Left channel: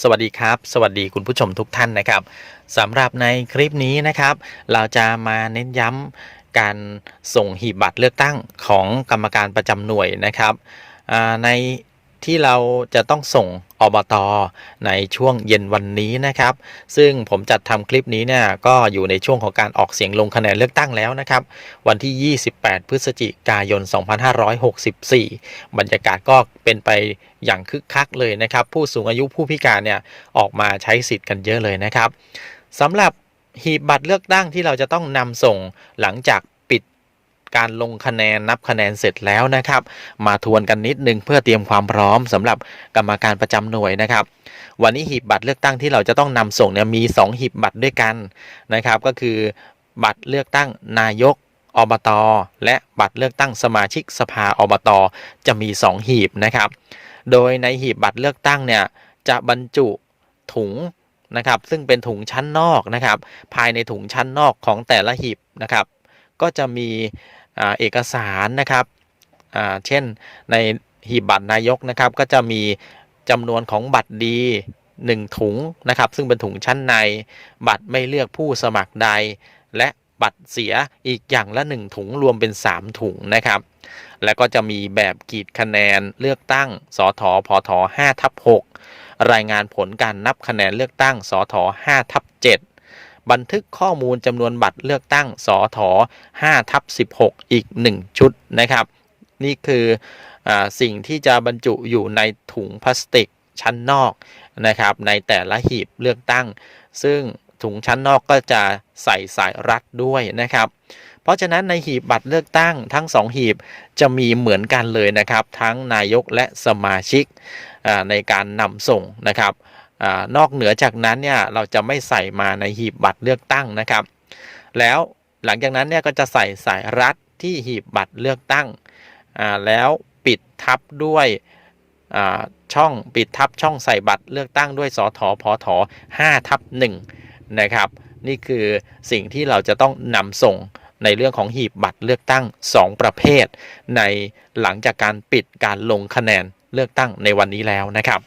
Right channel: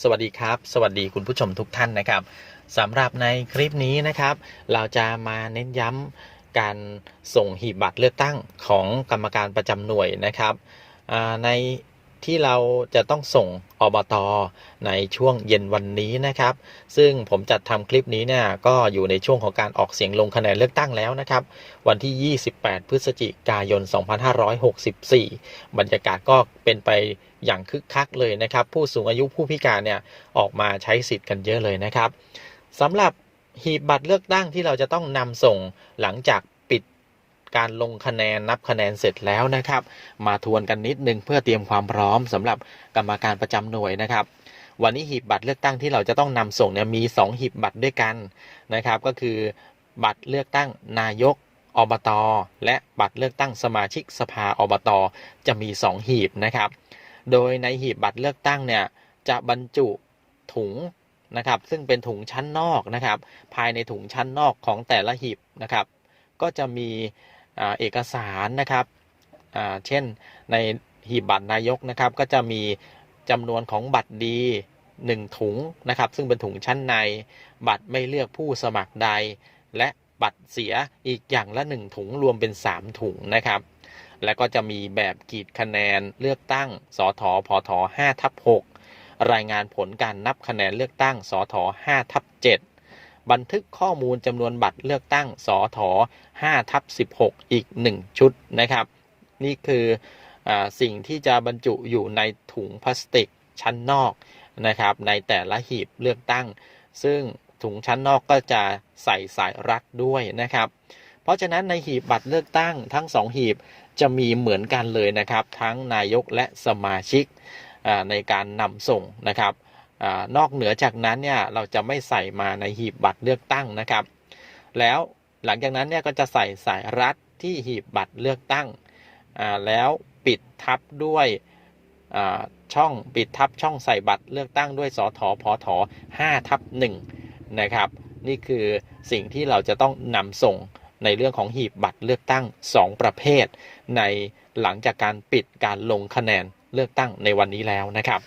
สวัสดีครับ สวัสดีคุณผู้ชมทุกท่านนะครับสำหรับในคลิปนี้นะครับ เราจะมาเน้นย้ำการส่งหีบบัตรเลือกตั้งของกรรมการประจำหน่วยนะครับใน ที่เราจะต้องส่งอบตในช่วงเย็นวันนี้นะครับ ซึ่งผมจัดทำคลิปนี้เนี่ยก็อยู่ในช่วงของการออกเสียงลงคะแนนเลือกตั้งแล้วนะครับ วันที่ 28 พฤศจิกายน 2564 บรรยากาศก็เป็นไปอย่างคึกคักเลยนะครับ ผู้สูงอายุผู้พิการเนี่ยออกมาใช้สิทธิ์กันเยอะเลยนะครับสำหรับหีบบัตรเลือกตั้งที่เราจะต้องนำส่งหลังจาก การลงคะแนนนับคะแนนเสร็จแล้วนะครับ มาทวนกันนิดนึงเพื่อเตรียมความพร้อมสำหรับกรรมการประจำหน่วยนะครับ วันนี้หีบบัตรเลือกตั้งที่เราจะต้องนำส่งเนี่ยมี 2 หีบบัตรด้วยกันนะครับ ก็คือบัตรเลือกตั้งนายกอบต และบัตรเลือกตั้งสมาชิกสภาอบต จะมี 2 หีบนะครับ โดยในหีบบัตรเลือกตั้งเนี่ยจะบรรจุถุงนะครับ ซึ่งเป็นถุงชั้นนอกนะครับ ภายในถุงชั้นนอกของแต่ละหีบนะครับ ก็จะมี เอกสารนะครับเช่นในหีบบัตรนายกนะครับ ก็จะมีจำนวนของบัตรดี1ถุงนะครับ ซึ่งเป็นถุงชั้นในบัตรไม่เลือกผู้สมัครใด และบัตรเสียอีกอย่างละ 1 ถุงรวมเป็น 3 ถุงนะครับ แล้วก็จะมีแบบกีดคะแนนเลือกตั้งสอทพท5ทับ6รายงานผลการนับคะแนนเลือกตั้งสอท5ทับ7 บันทึกข้อมูลจำนวนบัตรเลือกตั้งสท5ทับ16 อีก 1 ชุดนะครับ นี่คืออสิ่งที่จะบรรจุอยู่ในถุงพลาสติกชั้นนอกนะครับในแต่ละหีบเลือกตั้ง ซึ่งถุงชั้นนอกก็จะใส่สายรัดด้วยนะครับ เพราะฉะนั้นในหีบบัตรเลือกตั้งทั้ง 2 หีบจะมีเหมือนกันเลยนะครับ ทั้งนายกและสมาชิกในการนำส่งนะครับ อนอกเหนือจากนั้นเนี่ยเราจะไม่ใส่มาในหีบบัตรเลือกตั้งนะครับ แล้วหลังจากนั้นเนี่ยก็จะใส่สายรัดที่หีบบัตรเลือกตั้งแล้วปิดทับด้วยช่องปิดทับช่องใส่บัตรเลือกตั้งด้วยสทพท5ทับ1นะครับ นี่คือสิ่งที่เราจะต้องนำส่งในเรื่องของหีบบัตรเลือกตั้ง 2 ประเภท ในหลังจากการปิดการลงคะแนนเลือกตั้งในวันนี้แล้วนะครับ